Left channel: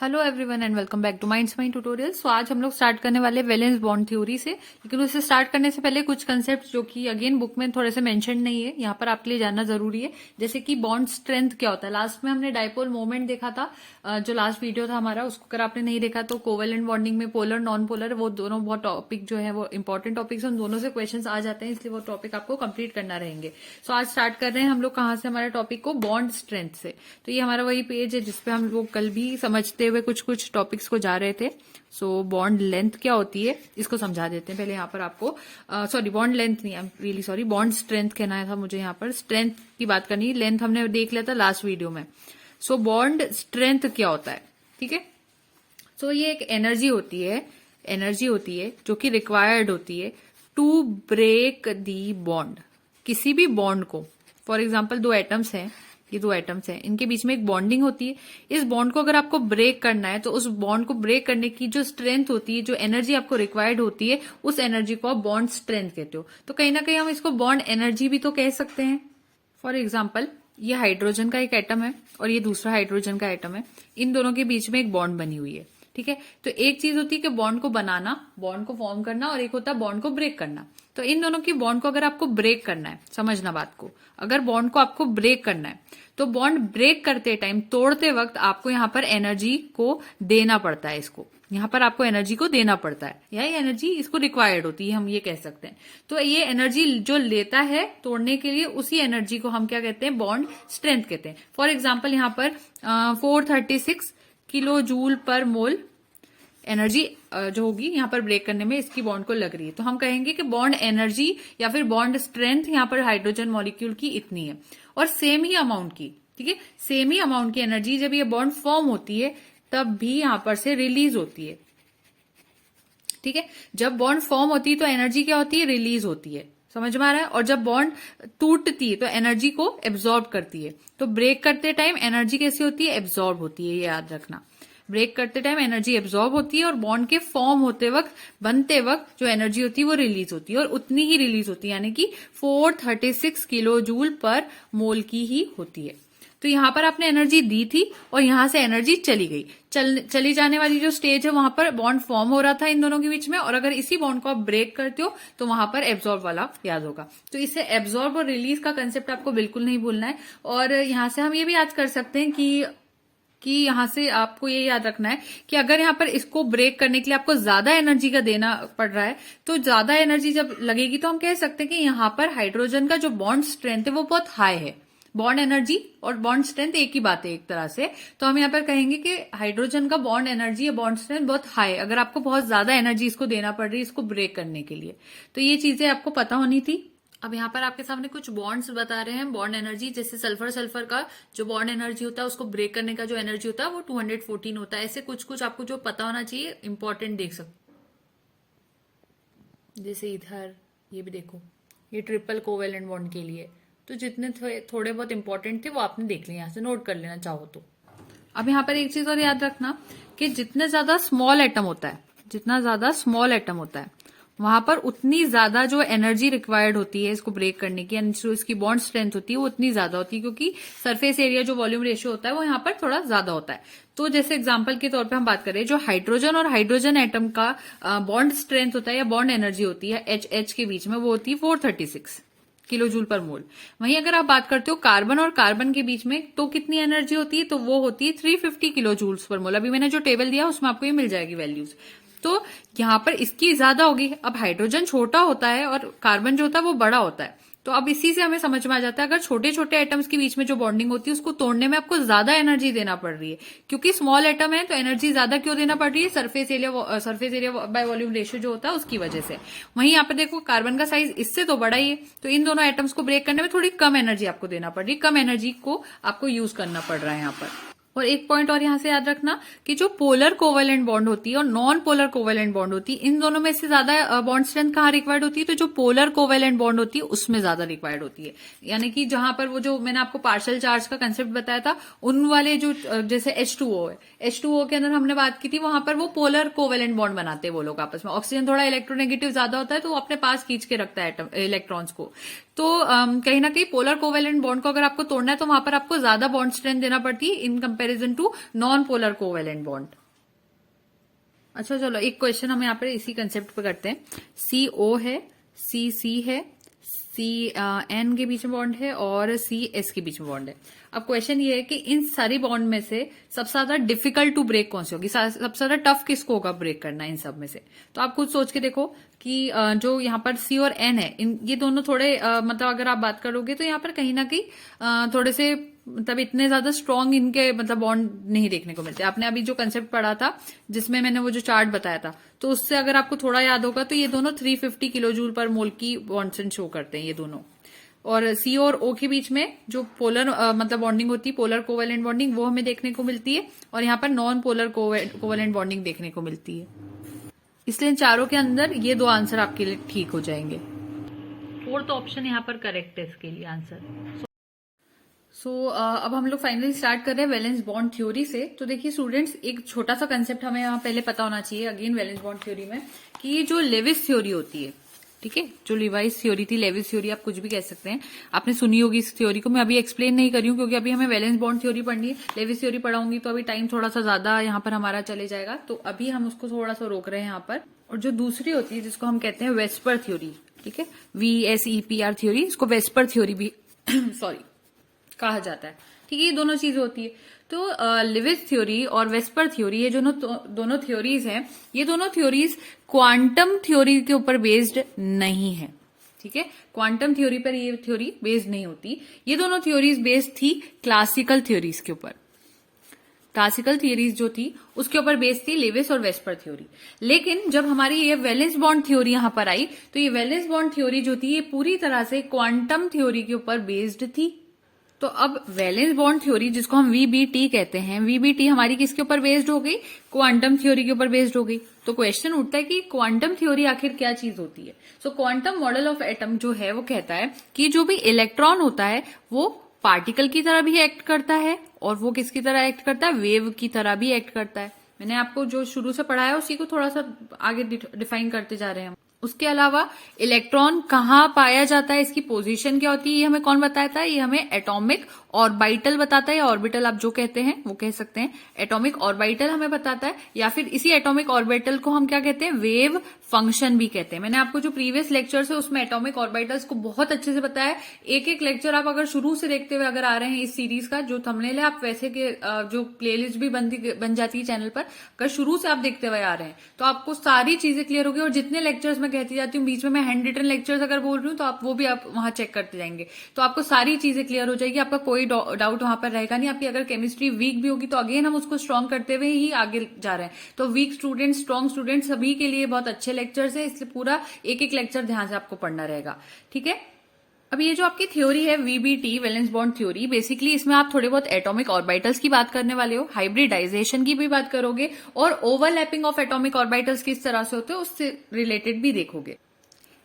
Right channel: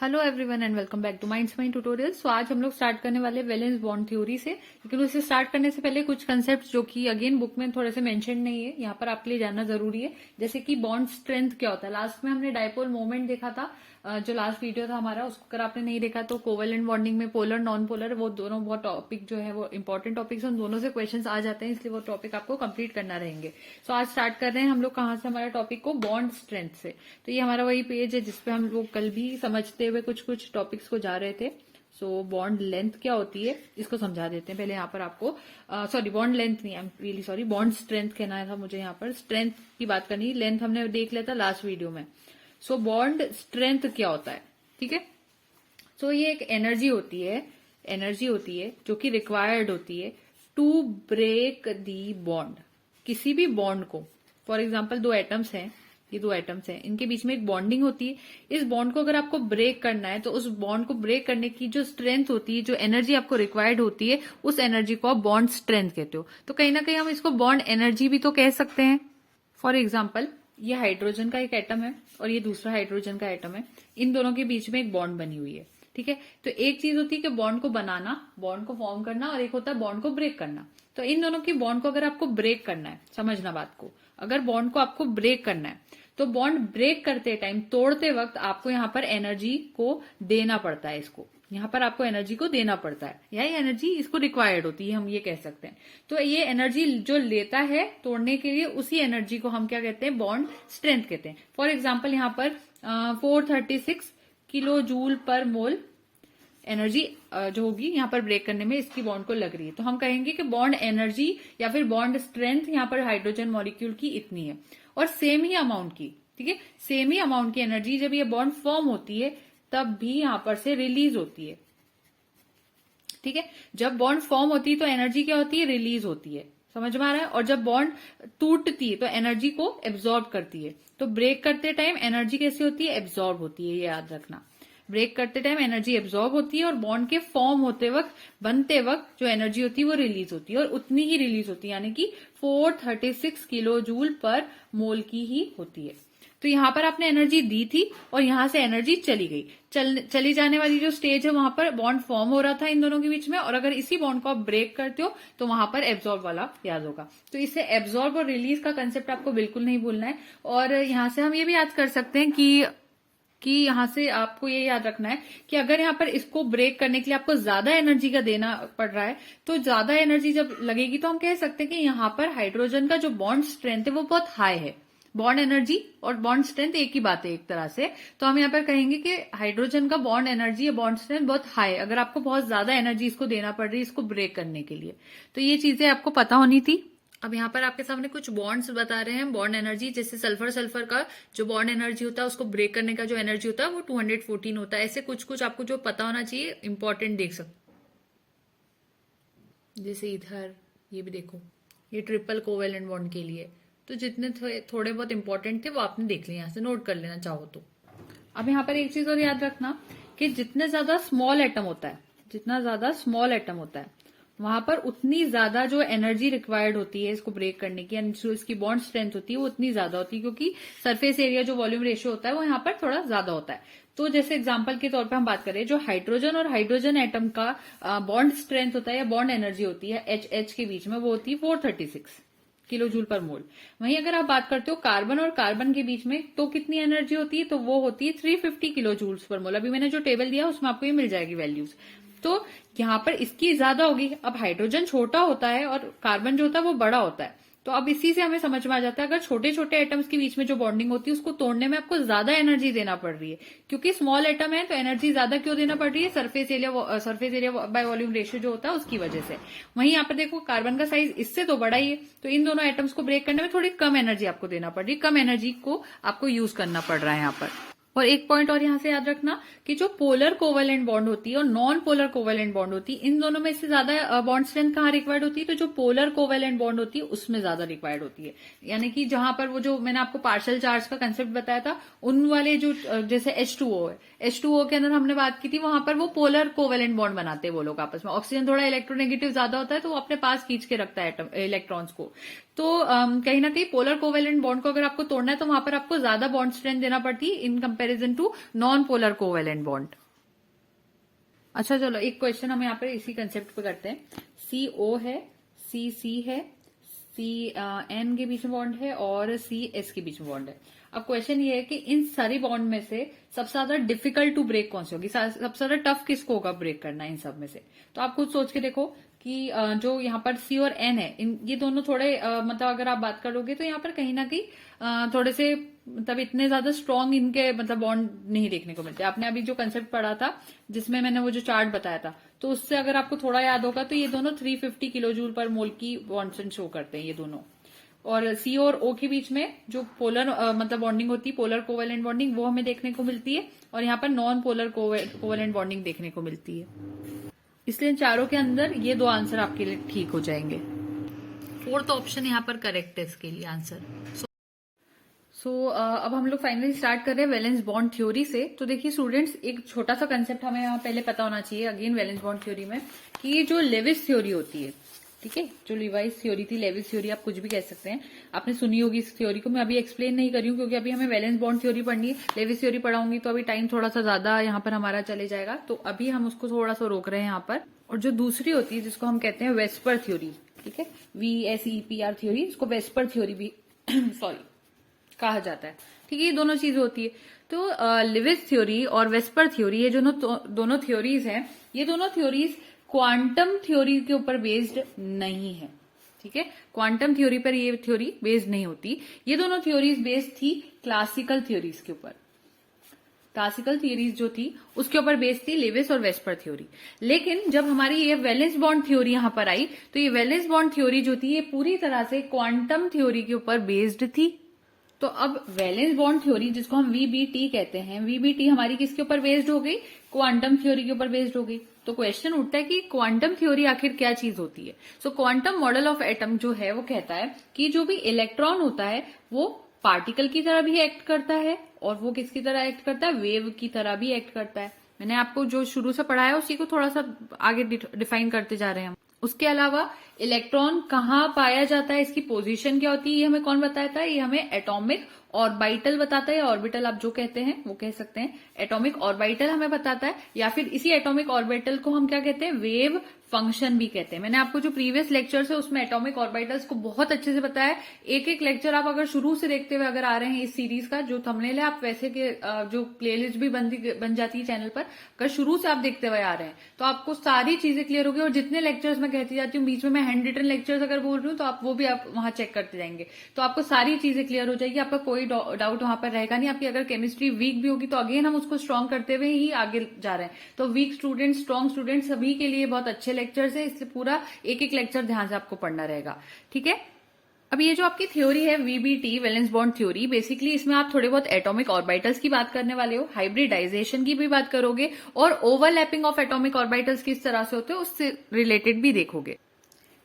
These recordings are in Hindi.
Hello everyone and welcome back to Minds Mind tutorial. So आज हम लोग स्टार्ट करने वाले वैलेंस बॉन्ड थ्योरी से, लेकिन उसे स्टार्ट करने से पहले कुछ कंसेप्ट जो कि अगेन बुक में थोड़े से मेंशन नहीं है, यहाँ पर आपके लिए जानना जरूरी है। जैसे कि बॉन्ड स्ट्रेंथ क्या होता है। लास्ट में हमने डाइपोल मोमेंट देखा था, जो लास्ट वीडियो था हमारा, उसको अगर आपने नहीं देखा तो कोवेलेंट बॉन्डिंग में पोलर नॉन पोलर वो दोनों बहुत टॉपिक जो है वो इंपॉर्टेंट टॉपिक्स, उन दोनों से क्वेश्चंस आ जाते हैं, इसलिए वो टॉपिक आपको कंप्लीट करना रहेंगे। सो आज स्टार्ट कर रहे हैं हम लोग कहाँ से, हमारे टॉपिक को बॉन्ड स्ट्रेंथ से। तो ये हमारा वही पेज है जिसपे हम लोग कल भी समझते हुए कुछ कुछ टॉपिक्स को जा रहे थे। सो बॉन्ड लेंथ क्या होती है इसको समझा देते हैं पहले। यहाँ पर आपको सॉरी बॉन्ड लेंथ नहीं, I am really sorry, bond strength कहना था मुझे। यहाँ पर स्ट्रेंथ की बात करनी, लेंथ हमने देख लिया था लास्ट वीडियो में। सो बॉन्ड स्ट्रेंथ क्या होता है, ठीक है। सो ये एक एनर्जी होती है जो कि रिक्वायर्ड होती है टू ब्रेक दी बॉन्ड, किसी भी बॉन्ड को। फॉर एग्जाम्पल दो एटम्स हैं, ये दो एटम्स हैं, इनके बीच में एक बॉन्डिंग होती है। इस बॉन्ड को अगर आपको ब्रेक करना है तो उस बॉन्ड को ब्रेक करने की जो स्ट्रेंथ होती है, जो एनर्जी आपको रिक्वायर्ड होती है, उस एनर्जी को आप बॉन्ड स्ट्रेंथ कहते हो। तो कहीं ना कहीं हम इसको बॉन्ड एनर्जी भी तो कह सकते हैं। फॉर एग्जाम्पल ये हाइड्रोजन का एक एटम है और ये दूसरा हाइड्रोजन का एटम है, इन दोनों के बीच में एक बॉन्ड बनी हुई है, ठीक है। तो एक चीज होती है कि बॉन्ड को बनाना, बॉन्ड को फॉर्म करना, और एक होता है बॉन्ड को ब्रेक करना। तो इन दोनों की बॉन्ड को अगर आपको ब्रेक करना है, समझना बात को, अगर बॉन्ड को आपको ब्रेक करना है तो बॉन्ड ब्रेक करते टाइम, तोड़ते वक्त आपको यहाँ पर एनर्जी को देना पड़ता है। इसको यहाँ पर आपको एनर्जी को देना पड़ता है, या एनर्जी इसको रिक्वायर्ड होती है, हम ये कह सकते हैं। तो ये एनर्जी जो लेता है तोड़ने के लिए, उसी एनर्जी को हम क्या कहते हैं, बॉन्ड स्ट्रेंथ कहते हैं। फॉर एग्जाम्पल यहाँ पर 436 किलो जूल पर मोल एनर्जी जो होगी यहाँ पर ब्रेक करने में इसकी बॉन्ड को लग रही है। तो हम कहेंगे कि बॉन्ड एनर्जी या फिर बॉन्ड स्ट्रेंथ यहाँ पर हाइड्रोजन मॉलिक्यूल की इतनी है, और सेम ही अमाउंट की, ठीक है, सेम ही अमाउंट की एनर्जी जब ये बॉन्ड फॉर्म होती है तब भी यहां पर से रिलीज होती है, ठीक है। जब बॉन्ड फॉर्म होती है तो एनर्जी क्या होती है, रिलीज होती है, समझ में आ रहा है। और जब बॉन्ड टूटती है तो एनर्जी को एब्जॉर्ब करती है। तो ब्रेक करते टाइम एनर्जी कैसी होती है, एब्जॉर्ब होती है, ये याद रखना। ब्रेक करते टाइम एनर्जी एब्जॉर्ब होती है और बॉन्ड के फॉर्म होते वक्त, बनते वक्त जो एनर्जी होती है वो रिलीज होती है, और उतनी ही रिलीज होती है, यानी कि 436 किलो जूल पर मोल की ही होती है। तो यहां पर आपने एनर्जी दी थी और यहां से एनर्जी चली गई। चली जाने वाली जो स्टेज है वहां पर बॉन्ड फॉर्म हो रहा था इन दोनों के बीच में, और अगर इसी बॉन्ड को आप ब्रेक करते हो तो वहां पर एब्जॉर्ब वाला याद होगा। तो इससे एब्जॉर्ब और रिलीज का कंसेप्ट आपको बिल्कुल नहीं भूलना है। और यहां से हम ये भी याद कर सकते हैं कि यहां से आपको ये याद रखना है कि अगर यहाँ पर इसको ब्रेक करने के लिए आपको ज्यादा एनर्जी का देना पड़ रहा है, तो ज्यादा एनर्जी जब लगेगी तो हम कह सकते हैं कि यहाँ पर हाइड्रोजन का जो बॉन्ड स्ट्रेंथ है वो बहुत हाई है। बॉन्ड एनर्जी और बॉन्ड स्ट्रेंथ एक ही बात है एक तरह से। तो हम यहाँ पर कहेंगे कि हाइड्रोजन का बॉन्ड एनर्जी या बॉन्ड स्ट्रेंथ बहुत हाई है, अगर आपको बहुत ज्यादा एनर्जी इसको देना पड़ रही है इसको ब्रेक करने के लिए। तो ये चीजें आपको पता होनी थी। अब यहाँ पर आपके सामने कुछ बॉन्ड्स बता रहे हैं, बॉन्ड एनर्जी। जैसे सल्फर का जो बॉन्ड एनर्जी होता है, उसको ब्रेक करने का जो एनर्जी होता है वो 214 होता है। ऐसे कुछ कुछ आपको जो पता होना चाहिए, इंपॉर्टेंट देख सकते। जैसे इधर ये भी देखो, ये ट्रिपल कोवेलेंट बॉन्ड के लिए, तो जितने थोड़े बहुत इंपॉर्टेंट थे वो आपने देख लिया, यहाँ से नोट कर लेना चाहो तो। अब यहाँ पर एक चीज और याद रखना कि जितने ज्यादा स्मॉल एटम होता है, जितना ज्यादा स्मॉल एटम होता है, वहां पर उतनी ज्यादा जो एनर्जी रिक्वायर्ड होती है इसको ब्रेक करने की, यानी जो इसकी बॉन्ड स्ट्रेंथ होती है वो उतनी ज्यादा होती है, क्योंकि सरफेस एरिया जो वॉल्यूम रेशियो होता है वो यहाँ पर थोड़ा ज्यादा होता है। तो जैसे एग्जांपल के तौर पे हम बात करें, जो हाइड्रोजन और हाइड्रोजन एटम का बॉन्ड स्ट्रेंथ होता है या बॉन्ड एनर्जी होती है एच के बीच में, वो होती है 436 किलो जूल पर मोल। वहीं अगर आप बात करते हो कार्बन और कार्बन के बीच में, तो कितनी एनर्जी होती है, तो वो होती है 350 किलो जूल्स पर मोल। अभी मैंने जो टेबल दिया उसमें आपको ये मिल जाएगी वैल्यूज। तो यहाँ पर इसकी ज्यादा होगी। अब हाइड्रोजन छोटा होता है और कार्बन जो होता है वो बड़ा होता है, तो अब इसी से हमें समझ में आ जाता है अगर छोटे छोटे एटम्स के बीच में जो बॉन्डिंग होती है उसको तोड़ने में आपको ज्यादा एनर्जी देना पड़ रही है, क्योंकि स्मॉल एटम है तो एनर्जी ज्यादा क्यों देना पड़ रही है, surface area by volume ratio जो होता है उसकी वजह से। वहीं यहाँ पर देखो कार्बन का साइज इससे तो बड़ा ही है, तो इन दोनों एटम्स को ब्रेक करने में थोड़ी कम एनर्जी आपको देना पड़ रही है, कम एनर्जी को आपको यूज करना पड़ रहा है यहाँ पर। और एक पॉइंट और यहां से याद रखना कि जो पोलर कोवेलेंट बॉन्ड होती है और नॉन पोलर कोवेलेंट बॉन्ड होती है, इन दोनों में से ज्यादा बॉन्ड स्ट्रेंथ कहाँ रिक्वायर्ड होती है, तो जो पोलर कोवेलेंट बॉन्ड होती है उसमें ज्यादा रिक्वायर्ड होती है। यानी कि जहां पर वो जो मैंने आपको पार्शियल चार्ज का कंसेप्ट बताया था, उन वाले जो जैसे H2O है, H2O के अंदर हमने बात की थी, वहां पर वो पोलर कोवेलेंट बॉन्ड बनाते हैं वो लोग आपस में। ऑक्सीजन थोड़ा इलेक्ट्रोनेगेटिव ज्यादा होता है तो वो अपने पास खींच के रखता है इलेक्ट्रॉन्स को। तो कहीं ना कहीं पोलर कोवेलेंट बॉन्ड को अगर आपको तोड़ना है तो वहां पर आपको ज्यादा बॉन्ड स्ट्रेंथ देना पड़ती है in comparison to non polar covalent bond. अच्छा चलो एक क्वेश्चन हम यहाँ पर इसी कंसेप्ट पे करते हैं। CO है, CC है, CN के बीच में बॉन्ड है और CS के बीच में बॉन्ड है। अब क्वेश्चन ये है कि इन सारी बॉन्ड में से सबसे ज्यादा डिफिकल्ट टू ब्रेक कौन सी होगी, सबसे ज्यादा टफ किसको होगा ब्रेक करना इन सब में से। तो आप खुद सोच के देखो कि जो यहाँ पर C और N है ये दोनों थोड़े मतलब अगर आप बात करोगे तो यहाँ पर कहीं ना कहीं थोड़े से मतलब इतने ज्यादा स्ट्रॉन्ग इनके मतलब बॉन्ड नहीं देखने को मिलते। आपने अभी जो कंसेप्ट पढ़ा था जिसमें मैंने वो जो चार्ट बताया था तो उससे अगर आपको थोड़ा याद होगा तो ये दोनों 350 किलो जूल पर मोल की बॉन्ड शो करते हैं ये दोनों। और C और O के बीच में जो पोलर मतलब बॉन्डिंग होती है, पोलर कोवेलेंट बॉन्डिंग, वो हमें देखने को मिलती है और यहाँ पर नॉन पोलर कोवेलेंट बॉन्डिंग देखने को मिलती है। इसलिए इन चारों के अंदर ये दो आंसर आपके लिए ठीक हो जाएंगे। फोर्थ ऑप्शन यहाँ पर करेक्ट है इसके लिए आंसर। अब हम लोग फाइनली स्टार्ट कर रहे हैं वैलेंस बॉन्ड थ्योरी से। तो देखिए स्टूडेंट्स, एक छोटा सा कंसेप्ट हमें यहाँ पहले पता होना चाहिए अगेन वैलेंस बॉन्ड थ्योरी में, कि जो लेविस थ्योरी होती है, ठीक है, जो लिवाइस थ्योरी थी, लेविस थ्योरी आप कुछ भी कह सकते हैं, आपने सुनी होगी इस थ्योरी को। मैं अभी एक्सप्लेन नहीं कर रही हूँ क्योंकि अभी हमें वैलेंस बॉन्ड थ्योरी पढ़नी है। लेविस थ्योरी पढ़ाऊंगी तो अभी टाइम थोड़ा सा ज्यादा यहाँ पर हमारा चले जाएगा, तो अभी हम उसको थोड़ा सा रोक रहे हैं यहाँ पर। और जो दूसरी होती है जिसको हम कहते हैं वेस्पर थ्योरी, ठीक है, VSEPR थ्योरी, इसको वेस्पर थ्योरी भी सॉरी कहा जाता है, ठीक है। ये दोनों चीजें होती है। तो लिविस थ्योरी और वेस्पर थ्योरी, ये जो दोनों थ्योरीज हैं, ये दोनों थ्योरीज क्वांटम थ्योरी के ऊपर बेस्ड नहीं है, ठीक है। क्वांटम थ्योरी पर ये थ्योरी बेस्ड नहीं होती। ये दोनों थ्योरीज बेस्ड थी क्लासिकल थ्योरीज के ऊपर। क्लासिकल थ्योरीज जो थी उसके ऊपर बेस्ड थी लेविस और वेस्पर थ्योरी। लेकिन जब हमारी ये वैलेंस बॉन्ड थ्योरी यहां पर आई तो ये वैलेंस बॉन्ड थ्योरी जो थी ये पूरी तरह से क्वांटम थ्योरी के ऊपर बेस्ड थी। तो अब वैलेंस बॉन्ड थ्योरी जिसको हम VBT कहते हैं, VBT हमारी किसके ऊपर बेस्ड हो गई, क्वांटम थ्योरी के ऊपर बेस्ड हो गई। तो क्वेश्चन उठता है कि क्वांटम थ्योरी आखिर क्या चीज होती है। सो क्वांटम मॉडल ऑफ एटम जो है वो कहता है कि जो भी इलेक्ट्रॉन होता है वो पार्टिकल की तरह भी एक्ट करता है और वो किसकी तरह एक्ट करता है, वेव की तरह भी एक्ट करता है। मैंने आपको जो शुरू से पढ़ाया उसी को थोड़ा सा आगे डिफाइन करते जा रहे हैं हम। उसके अलावा इलेक्ट्रॉन कहाँ पाया जाता है, इसकी पोजीशन क्या होती है, ये हमें कौन बताता है, ये हमें एटॉमिक ऑर्बिटल बताता है। ऑर्बिटल आप जो कहते हैं वो कह सकते हैं, एटॉमिक ऑर्बिटल हमें बताता है, या फिर इसी एटॉमिक ऑर्बिटल को हम क्या कहते हैं, वेव फंक्शन भी कहते हैं। मैंने आपको जो प्रीवियस लेक्चर्स है उसमें एटॉमिक ऑर्बिटल्स को बहुत अच्छे से बताया है। एक एक लेक्चर आप अगर शुरू से देखते हुए अगर आ रहे हैं इस सीरीज का, जो थंबनेल है आप वैसे के जो प्लेलिस्ट भी बन जाती है चैनल पर, अगर शुरू से आप देखते हुए आ रहे हैं तो आपको सारी चीजें क्लियर होगी। और जितने लेक्चर्स मैं कहती जाती हूँ बीच में मैं हैंड रिटन लेक्चर्स अगर बोल रही हूँ तो आप वो भी आप वहां चेक करते जाएंगे तो आपको सारी चीजें क्लियर हो जाएगी, आपका कोई डाउट वहां पर रहेगा नहीं। आपकी अगर केमिस्ट्री वीक भी होगी तो अगेन हम उसको स्ट्रॉन्ग करते हुए ही आगे जा रहे हैं। तो वीक स्टूडेंट, स्ट्रॉन्ग स्टूडेंट सभी के लिए बहुत अच्छे लेक्चर्स है, इसलिए पूरा एक एक लेक्चर ध्यान से आपको पढ़ना रहेगा, ठीक है। अब ये जो आपकी थ्योरी है VBT valence bond theory, basically इसमें आप थोड़े बहुत एटॉमिक ऑर्बिटल्स की बात करने वाले हो, हाइब्रिडाइजेशन की भी बात करोगे और ओवरलैपिंग ऑफ एटॉमिक ऑर्बिटल्स किस तरह से होते हैं उससे रिलेटेड भी देखोगे।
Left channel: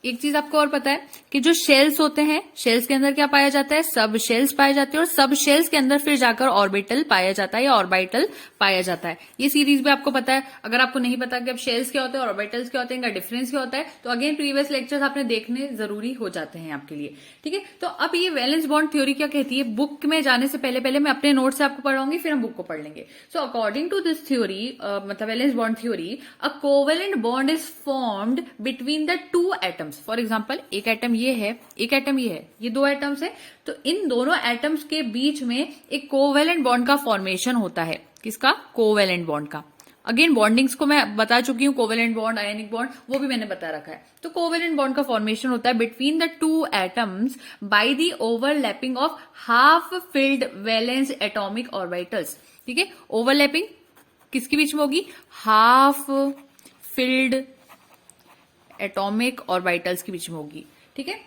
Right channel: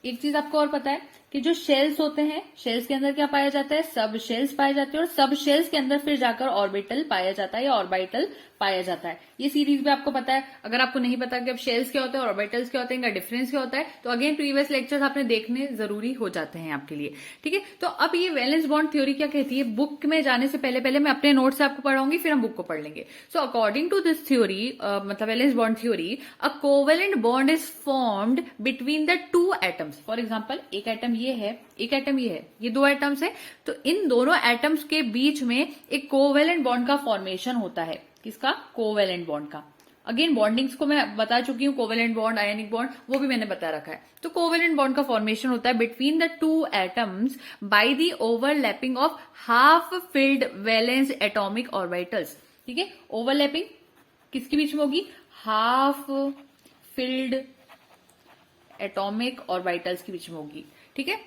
एक चीज आपको और पता है कि जो शेल्स होते हैं, शेल्स के अंदर क्या पाया जाता है, सब शेल्स पाए जाते हैं और सब शेल्स के अंदर फिर जाकर ऑर्बिटल पाया जाता है या ऑर्बिटल पाया जाता है। ये सीरीज भी आपको पता है। अगर आपको नहीं पता कि अब शेल्स क्या होते हैं, ऑर्बिटल्स क्या होते हैं, इनका डिफरेंस क्या होता है, तो अगेन प्रीवियस लेक्चर्स आपने देखने जरूरी हो जाते हैं आपके लिए, ठीक है। तो अब ये वैलेंस बॉन्ड थ्योरी क्या कहती है, बुक में जाने से पहले मैं अपने नोट से आपको पढ़ाऊंगी, फिर हम बुक को पढ़ लेंगे। So according to this theory, मतलब valence bond theory, a covalent bond is formed between the two atoms. For example, एक एटम ये है, एक एटम ये है, ये दो एटम्स है, तो इन दोनों एटम्स के बीच में एक कोवेलेंट बॉन्ड का फॉर्मेशन होता है। किसका, कोवेलेंट बॉन्ड का। अगेन बॉन्डिंग्स को मैं बता चुकी हूँ, कोवेलेंट बॉन्ड, आयनिक बॉन्ड, वो भी मैंने बता रखा है। तो कोवेलेंट बॉन्ड का फॉर्मेशन होता है between the two atoms by the overlapping of half filled valence atomic orbitals, ठीक है। ओवरलैपिंग किसके बीच में होगी, हाफ फिल्ड एटॉमिक ऑर्बिटल्स के बीच में होगी, ठीक है,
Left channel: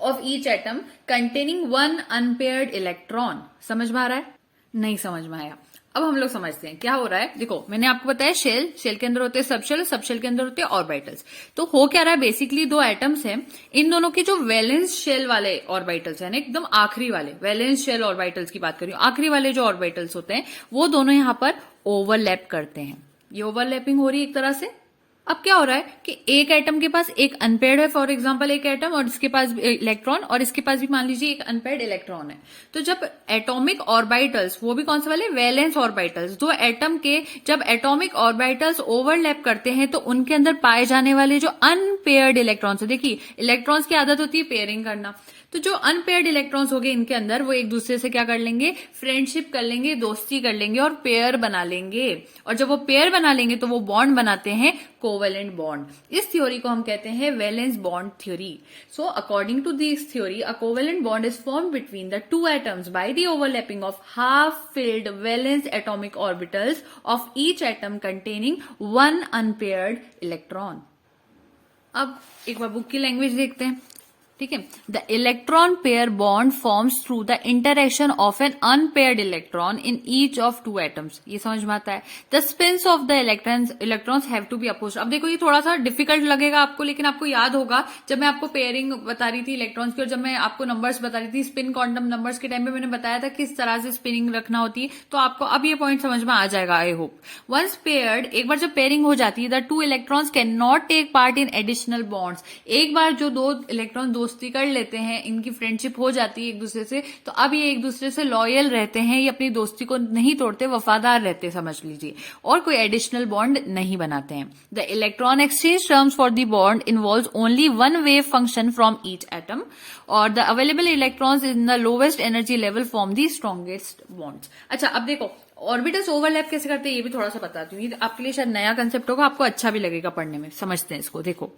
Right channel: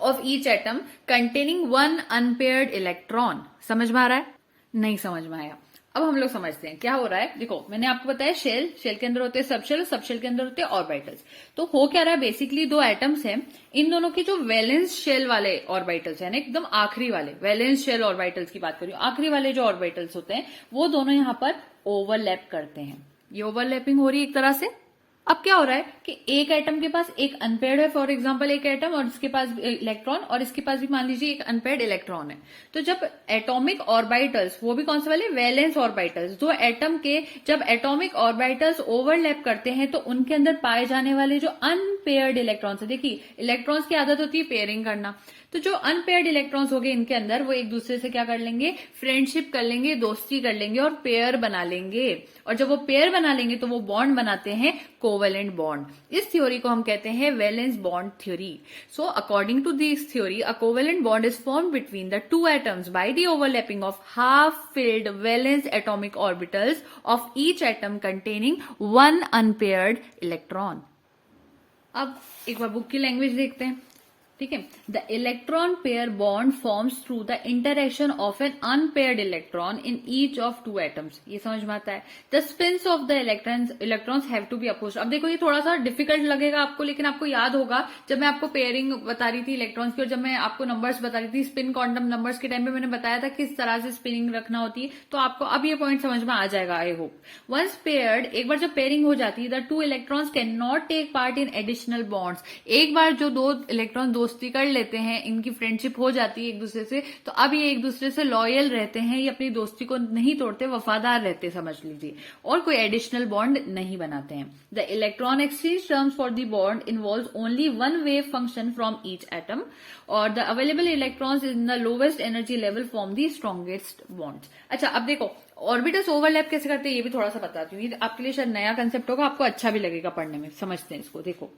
of each atom containing one unpaired electron. समझ में आ रहा है, नहीं समझ में आया? अब हम लोग समझते हैं क्या हो रहा है। देखो मैंने आपको बताया शेल, शेल के अंदर होते हैं सबशेल, सबशेल के अंदर होते हैं ऑर्बिटल्स। तो हो क्या रहा है, बेसिकली दो एटम्स हैं, इन दोनों के जो वैलेंस शेल वाले ऑर्बिटल्स है ना, एकदम आखिरी वाले वैलेंस शेल ऑर्बिटल्स की बात करी, आखिरी वाले जो ऑर्बिटल्स होते हैं वो दोनों यहां पर ओवरलैप करते हैं। ये ओवरलैपिंग हो रही है एक तरह से, अब क्या हो रहा है कि एक एटम के पास एक अनपेयर्ड है, फॉर एग्जांपल एक एटम, और इसके पास इलेक्ट्रॉन, और इसके पास भी मान लीजिए एक अनपेयर्ड इलेक्ट्रॉन है। तो जब एटॉमिक ऑर्बिटल्स, वो भी कौन से वाले, वैलेंस ऑर्बिटल्स, दो एटम के जब एटॉमिक ऑर्बिटल्स ओवरलैप करते हैं तो उनके अंदर पाए जाने वाले जो अनपेयर्ड इलेक्ट्रॉन्स, देखिए इलेक्ट्रॉन्स की आदत होती है पेयरिंग करना, तो जो अनपेयर्ड इलेक्ट्रॉन्स हो गए इनके अंदर, वो एक दूसरे से क्या कर लेंगे, फ्रेंडशिप कर लेंगे, दोस्ती कर लेंगे और पेयर बना लेंगे। और जब वो पेयर बना लेंगे तो वो बॉन्ड बनाते हैं कोवेलेंट बॉन्ड। इस थ्योरी को हम कहते हैं valence bond theory. So according to this theory, a covalent bond is formed between the two atoms by the overlapping of half filled valence atomic orbitals of each atom containing one unpaired electron. अब एक बार बुक की लैंग्वेज देखते हैं, ठीक है। The electron pair bond forms through the interaction of an unpaired electron in each of two atoms. ये समझ में आता है। The spins of the electrons have to be opposed. अब देखो ये थोड़ा सा डिफिकल्ट लगेगा आपको, लेकिन आपको याद होगा जब मैं आपको पेयरिंग बता रही थी इलेक्ट्रॉन्स की, और जब मैं आपको नंबर्स बता रही थी स्पिन क्वांटम नंबर्स के टाइम पे, मैंने बताया था किस तरह से स्पिनिंग रखना होती है। तो आपको अब ये पॉइंट समझ में आ जाएगा, आई होप। वंस पेयर्ड, एक बार जब पेयरिंग हो जाती है, the two electrons can not take part in additional bonds. एक बार जो दो इलेक्ट्रॉन दोस्ती कर लेते हैं, इनकी फ्रेंडशिप हो जाती है एक दूसरे से, तो अब ये एक दूसरे से लॉयल रहते हैं, ये अपनी दोस्ती को नहीं तोड़ते, वफादार रहते समझ लीजिए, और कोई एडिशनल बॉन्ड नहीं बनाते हैं। The electron exchange terms for the bond involves only one wave function from each atom, और the available electrons in the lowest energy level form the strongest bonds. अच्छा, अब देखो ऑर्बिटल्स ओवरलैप कैसे करते हैं ये भी थोड़ा सा बताती हूँ, आपके लिए शायद नया कंसेप्ट होगा, आपको अच्छा भी लगेगा पढ़ने में। समझते हैं इसको। देखो